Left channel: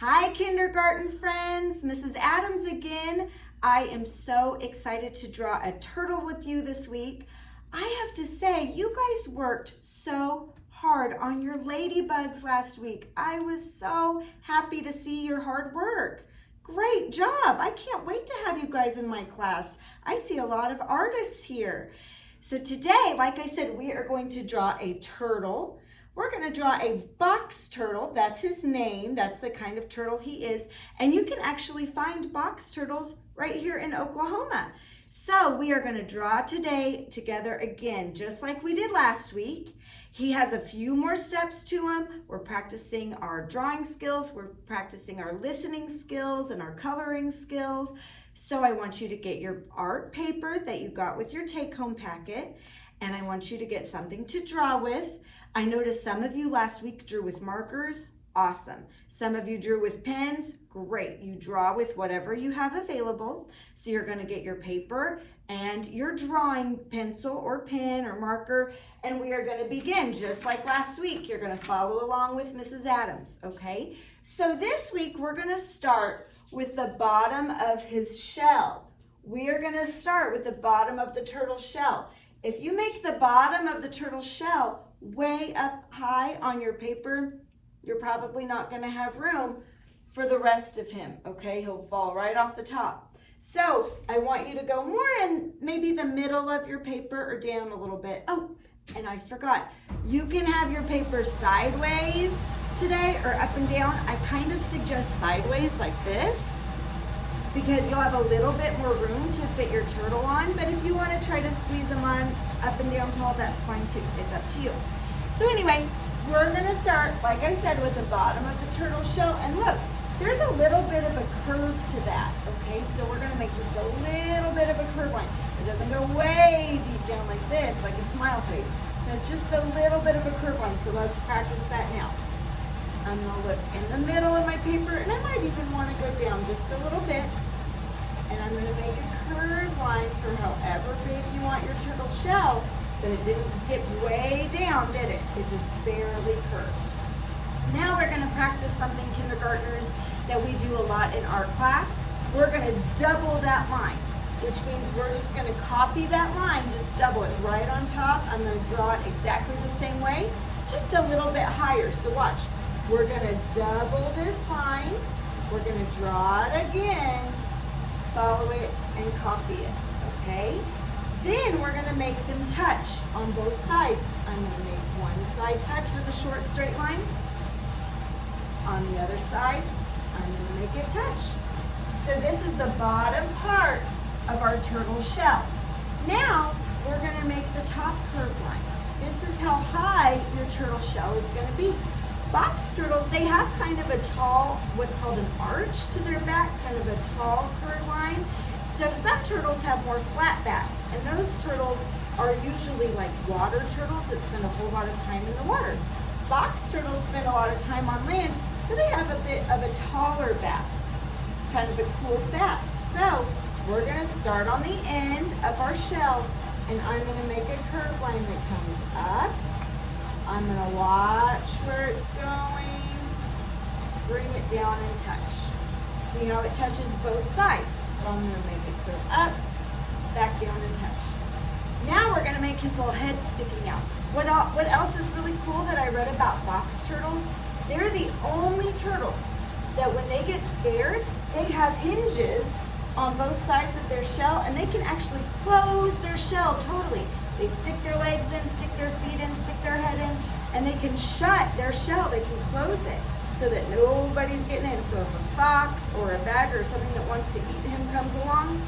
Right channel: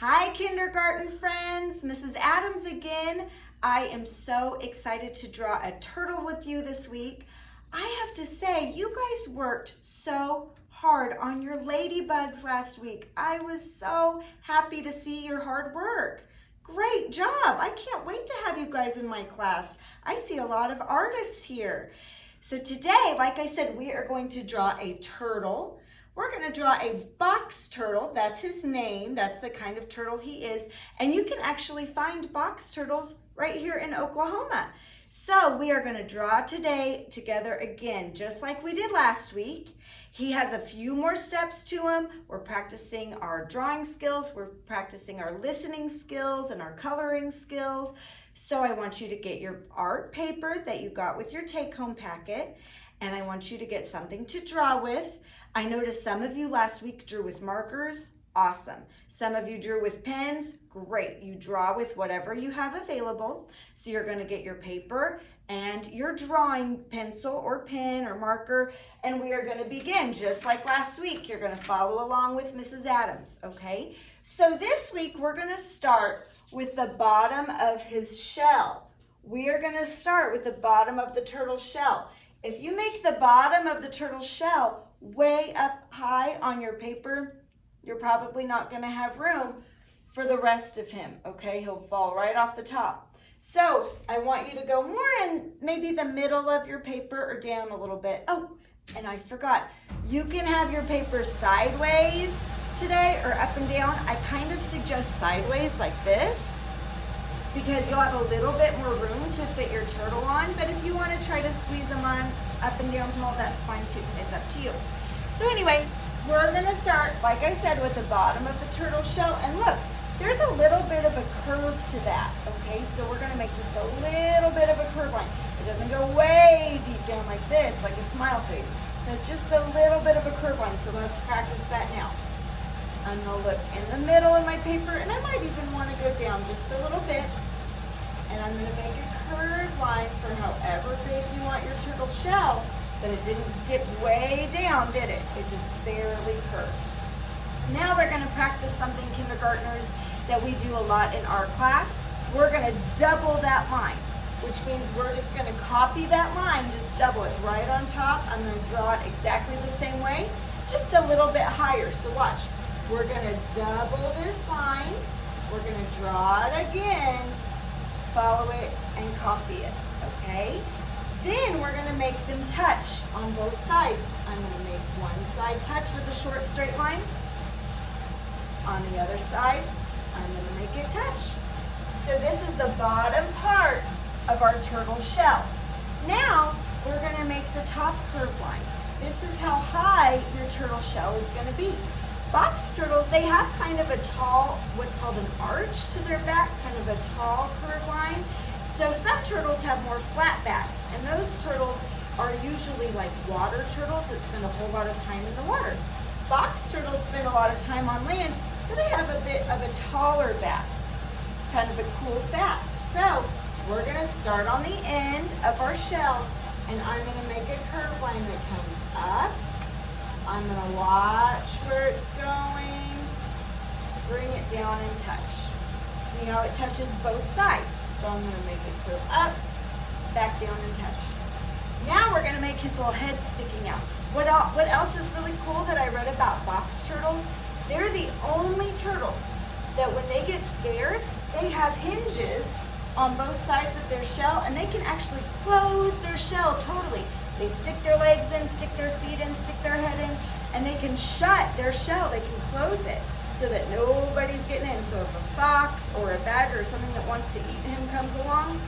Hi, kindergarten friends. Mrs. Adams again. I am so excited to draw a turtle with you this week. I have to say, you guys worked so hard on your ladybugs last week. I was so happy to see your hard work. Great job. I can't wait to have you guys in my class. I see a lot of artists here. So today, like I said, we are going to draw a turtle. We're going to draw a box turtle. That's his name. That's the kind of turtle he is. And you can actually find box turtles right here in Oklahoma. So we are going to draw today together again, just like we did last week. He has a few more steps to him. We're practicing our drawing skills. We're practicing our listening skills and our coloring skills. So I want you to get your art paper that you got with your take-home packet, and I want you to get something to draw with. I noticed some of you last week drew with markers. Awesome. Some of you drew with pens. Great. You draw with whatever you have available. So you're going to get your paper and your drawing pencil or pen or marker, and we are going to begin just like last week. You're going to follow along with Mrs. Adams, okay? So this week we're going to start with the bottom of his shell. We are going to start with the bottom of the turtle shell. If you make the bottom of the turtle shell way up high on your paper, you're probably not going to have room for the rest of him, okay? He'll fall right off the top. So I want you to go more in maybe the middle of your paper or down a little bit. Oh, and I forgot. You can have your paper sideways today or up and down. I kind of suggest sideways like this, because you'll have a little bit more room to fit your turtle on. But if you want to try to squeeze them on up and down tall, that's fine too. It's up to you. So anyway, we're going to start, like I said, with the bottom of the turtle shell. And look, there's a little bit of a curve to that, okay? So we're going to make just a little bit of a curve line. It doesn't go way deep down like this, like a smile face. It's just a little bit of a curve line. So let's practice that now. I'm going to look in the middle of my paper, and I might even want to go down just a little bit. And I'm going to make a curved line for however big you want your turtle shell, but it didn't dip way down, did it? It just barely curved. Now we're going to practice something, kindergartners, that we do a lot in our class. We're going to double that line, which means we're just going to copy that line, just double it right on top. I'm going to draw it exactly the same way, just a little bit higher. So watch. We're going to double this line. We're going to draw it again, follow it, and copy it, okay? Then we're going to make them touch on both sides. I'm going to make one side touch with a short straight line. On the other side, I'm going to make it touch. So this is the bottom part of our turtle shell. Now we're going to make the top curve line. This is how high your turtle shell is going to be. Box turtles, they have kind of a tall, what's called an arch to their back, kind of a tall curve line. So some turtles have more flat backs, and those turtles are usually like water turtles that spend a whole lot of time in the water. Box turtles spend a lot of time on land, so they have a bit of a taller back, kind of a cool fact. So we're going to start on the end of our shell, and I'm going to make a curve line that comes up. I'm going to watch where it's going, bring it down and touch. See how it touches both sides? So I'm going to make it curve up, back down and touch. Now we're going to make his little head sticking out. What else is really cool that I read about box turtles? They're the only turtles that when they get scared, they have hinges on both sides of their shell, and they can actually close their shell totally. They stick their legs in, stick their feet in, stick their head in, and they can shut their shell. They can close it so that nobody's getting in. So if a fox or a badger or something that wants to eat him comes along,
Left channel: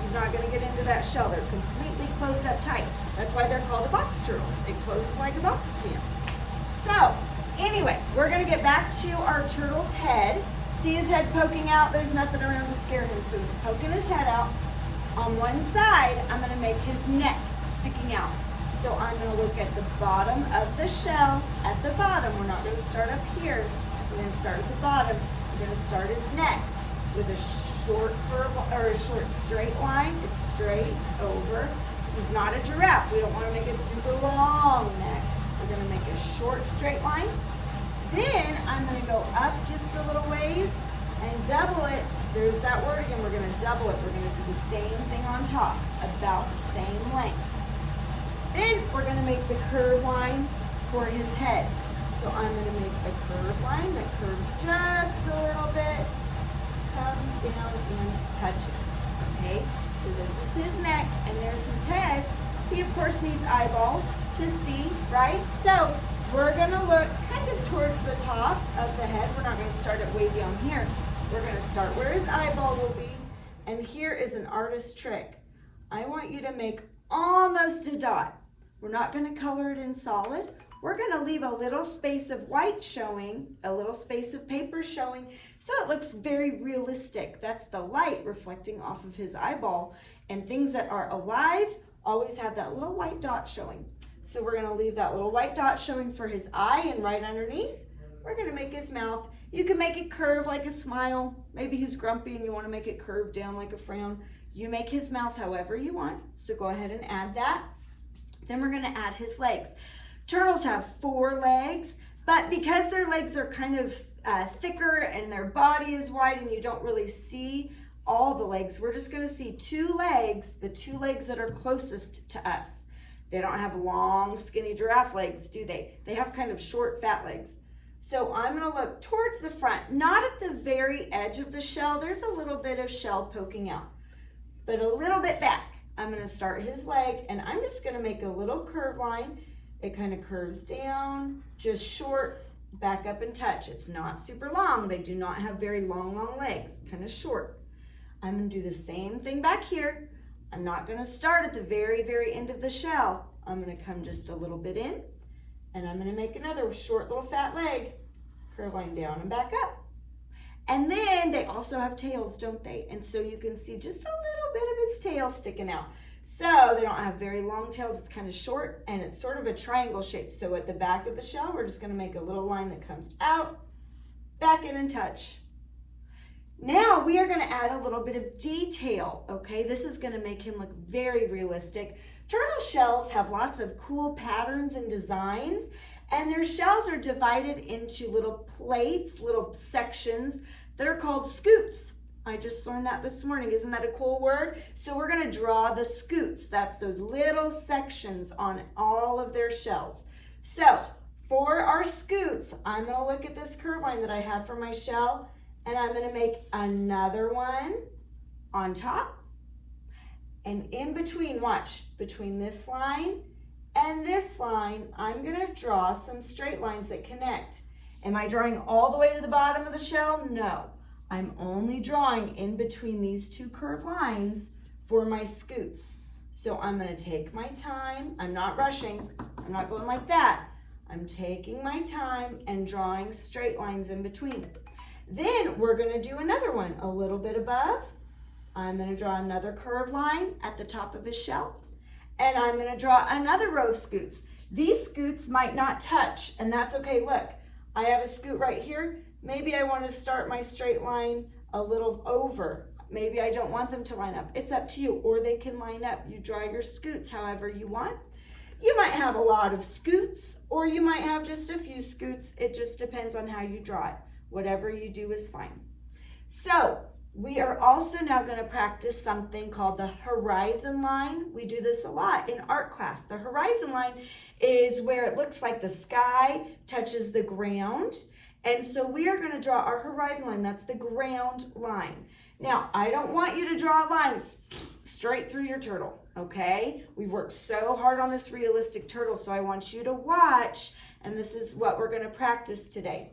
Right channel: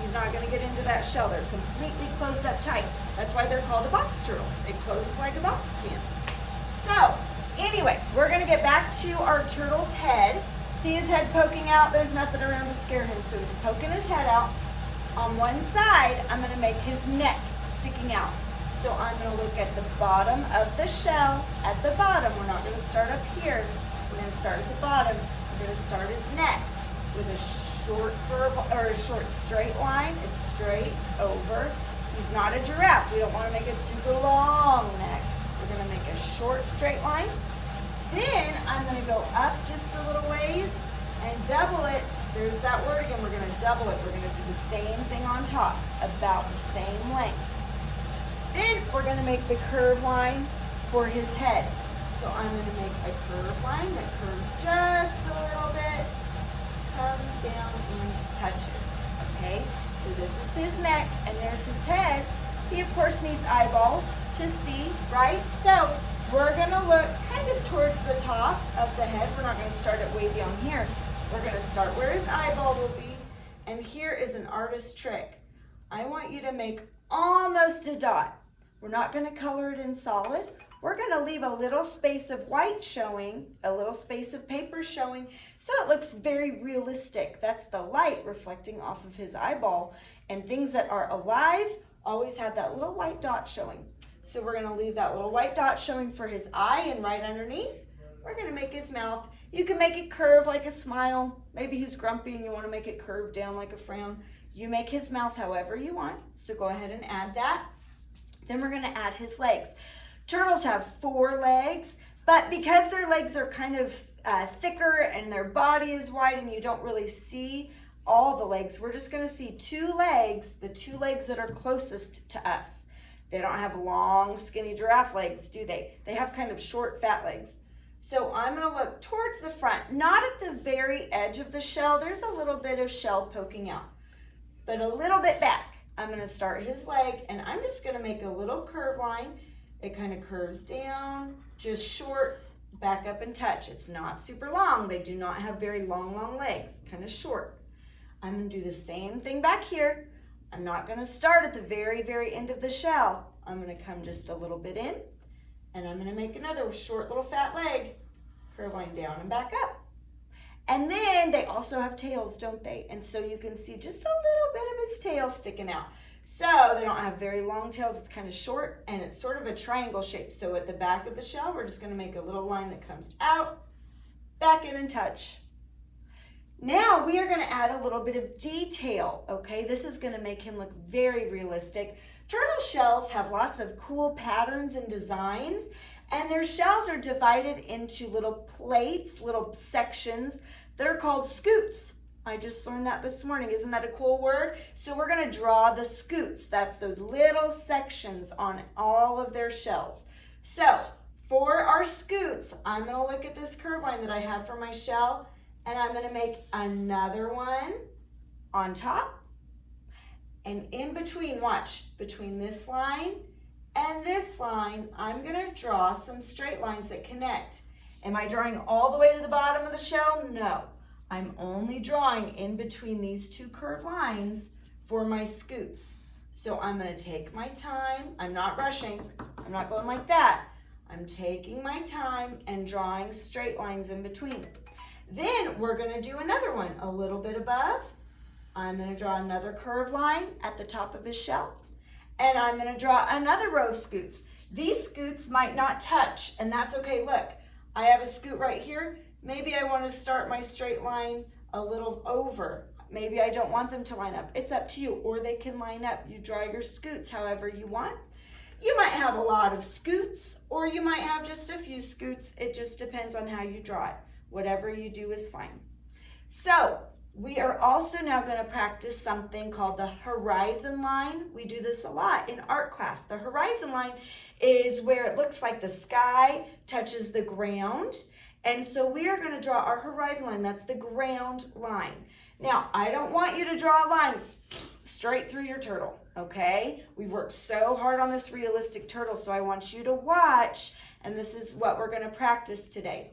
he's not going to get into that shell. They're completely closed up tight. That's why they're called a box turtle. It closes like a box can. So anyway, we're going to get back to our turtle's head. See his head poking out? There's nothing around to scare him. So he's poking his head out. On one side, I'm going to make his neck sticking out. So I'm going to look at the bottom of the shell. At the bottom, we're not going to start up here. We're going to start at the bottom. We're going to start his neck with a short curve or a short straight line. It's straight over. He's not a giraffe. We don't want to make a super long neck. We're going to make a short straight line. Then I'm gonna go up just a little ways and double it. There's that word again, we're gonna double it. We're gonna do the same thing on top, about the same length. Then we're gonna make the curve line for his head. So I'm gonna make a curve line that curves just a little bit, comes down and touches, okay? So this is his neck and there's his head. He of course needs eyeballs to see, right? So we're gonna look kind of towards the top of the head. We're not gonna start it way down here. We're gonna start where his eyeball will be. And here is an artist trick. I want you to make almost a dot. We're not gonna color it in solid. We're gonna leave a little space of white showing, a little space of paper showing, so it looks very realistic. That's the light reflecting off of his eyeball. And things that are alive always have that little white dot showing. So we're gonna leave that little white dot showing for his eye, and right underneath, we're gonna make his mouth. You can make it curve like a smile. Maybe he's grumpy and you wanna make it curve down like a frown. You make his mouth however you want. So go ahead and add that. Then we're gonna add his legs. Turtles have 4 legs, but because their legs are kind of thicker and their body is wide and you don't really see all the legs, we're just gonna see 2 legs, the 2 legs that are closest to us. They don't have long, skinny giraffe legs, do they? They have kind of short, fat legs. So I'm gonna look towards the front, not at the very edge of the shell. There's a little bit of shell poking out, but a little bit back. I'm gonna start his leg and I'm just gonna make a little curve line. It kind of curves down, just short, back up and touch. It's not super long. They do not have very long legs, kind of short. I'm gonna do the same thing back here. I'm not gonna start at the very end of the shell. I'm gonna come just a little bit in and I'm gonna make another short little fat leg, curve line down and back up. And then they also have tails, don't they? And so you can see just a little bit of its tail sticking out. So they don't have very long tails, it's kind of short and it's sort of a triangle shape. So at the back of the shell, we're just gonna make a little line that comes out, back in and touch. Now we are gonna add a little bit of detail, okay? This is gonna make him look very realistic. Turtle shells have lots of cool patterns and designs, and their shells are divided into little plates, little sections that are called scoots. I just learned that this morning. Isn't that a cool word? So we're gonna draw the scoots. That's those little sections on all of their shells. So for our scoots, I'm gonna look at this curve line that I have for my shell, and I'm gonna make another one on top. And in between, watch, between this line and this line, I'm gonna draw some straight lines that connect. Am I drawing all the way to the bottom of the shell? No. I'm only drawing in between these 2 curved lines for my scoots. So I'm gonna take my time. I'm not rushing. I'm not going like that. I'm taking my time and drawing straight lines in between. Then we're gonna do another one a little bit above. I'm gonna draw another curved line at the top of his shell. And I'm gonna draw another row of scoots. These scoots might not touch, and that's okay. Look, I have a scoot right here. Maybe I want to start my straight line a little over. Maybe I don't want them to line up. It's up to you, or they can line up. You draw your scoots however you want. You might have a lot of scoots, or you might have just a few scoots. It just depends on how you draw it. Whatever you do is fine. So we are also now going to practice something called the horizon line. We do this a lot in art class. The horizon line is where it looks like the sky touches the ground. And so we are going to draw our horizon line. That's the ground line. Now, I don't want you to draw a line straight through your turtle, okay? We've worked so hard on this realistic turtle, so I want you to watch, and this is what we're going to practice today.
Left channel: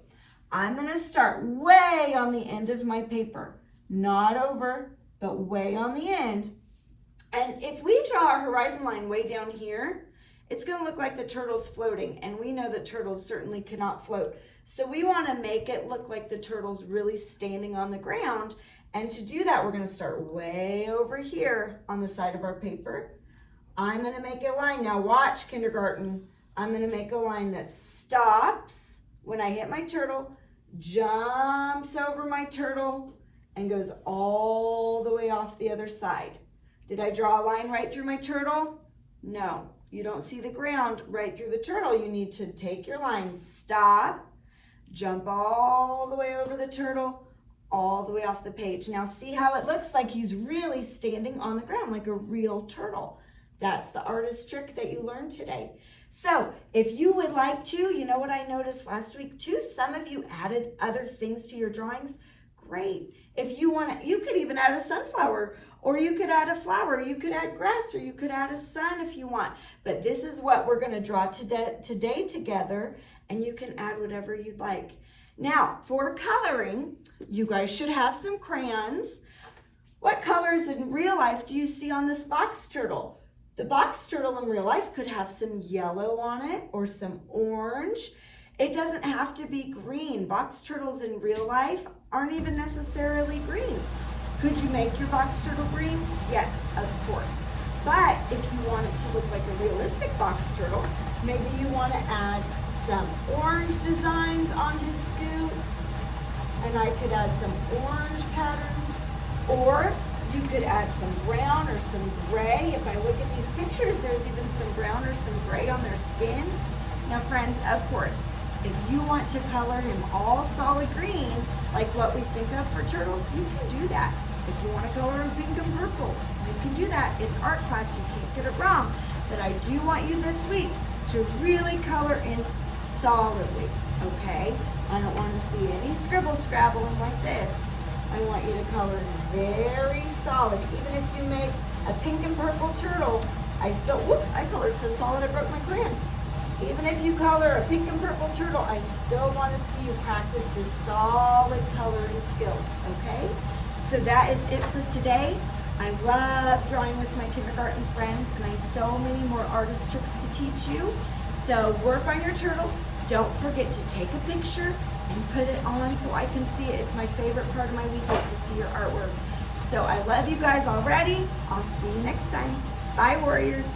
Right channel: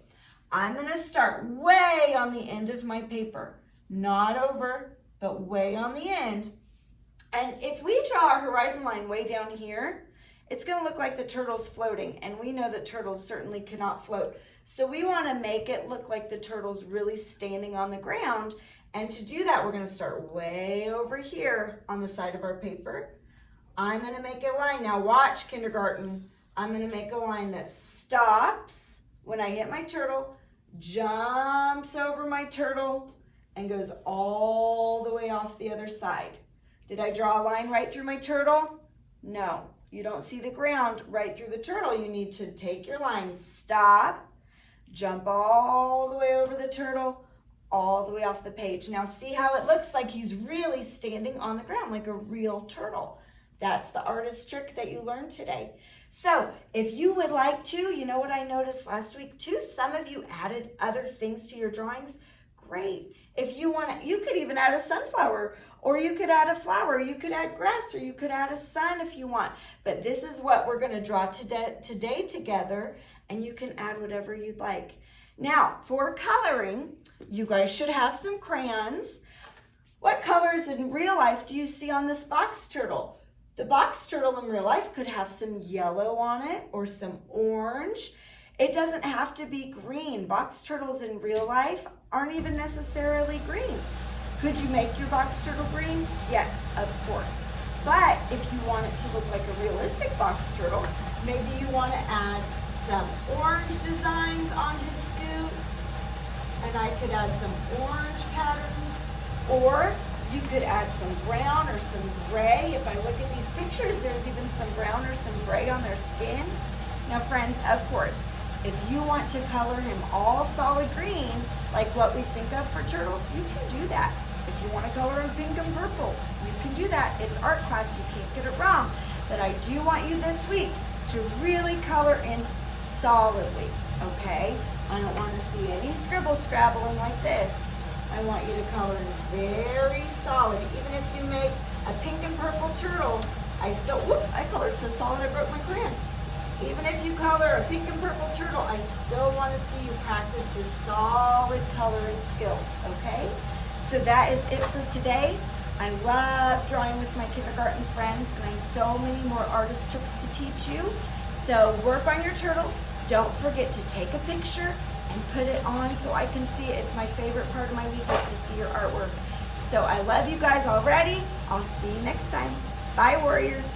I'm going to start way on the end of my paper, not over, but way on the end. And if we draw a horizon line way down here, it's going to look like the turtle's floating, and we know that turtles certainly cannot float. So we want to make it look like the turtle's really standing on the ground. And to do that, we're going to start way over here on the side of our paper. I'm going to make a line. Now watch, kindergarten. I'm going to make a line that stops when I hit my turtle, jumps over my turtle, and goes all the way off the other side. Did I draw a line right through my turtle? No. You don't see the ground right through the turtle. You need to take your line, stop, jump all the way over the turtle, all the way off the page. Now see how it looks like he's really standing on the ground like a real turtle. That's the artist trick that you learned today. So if you would like to, you know what I noticed last week too? Some of you added other things to your drawings. Great. If you want to, you could even add a sunflower, or you could add a flower, you could add grass, or you could add a sun if you want. But this is what we're going to draw today together, and you can add whatever you'd like. Now, for coloring, you guys should have some crayons. What colors in real life do you see on this box turtle? The box turtle in real life could have some yellow on it or some orange. It doesn't have to be green. Box turtles in real life aren't even necessarily green. Could you make your box turtle green? Yes, of course. But if you want it to look like a realistic box turtle, maybe you want to add some orange designs on his scoots, and I could add some orange patterns, or you could add some brown or some gray. If I look at these pictures, there's even some brown or some gray on their skin. Now friends, of course, if you want to color him all solid green, like what we think of for turtles, you can do that. If you want to color him pink and purple, you can do that. It's art class, you can't get it wrong. But I do want you this week to really color in solidly, okay? I don't want to see any scribble scrabbling like this. I want you to color in very solid. Even if you make a pink and purple turtle, I colored so solid I broke my crayon. Even if you color a pink and purple turtle, I still want to see you practice your solid coloring skills, okay? So that is it for today. I love drawing with my kindergarten friends, and I have so many more artist tricks to teach you. So work on your turtle. Don't forget to take a picture and put it on so I can see it. It's my favorite part of my week is to see your artwork. So I love you guys already. I'll see you next time. Bye, warriors.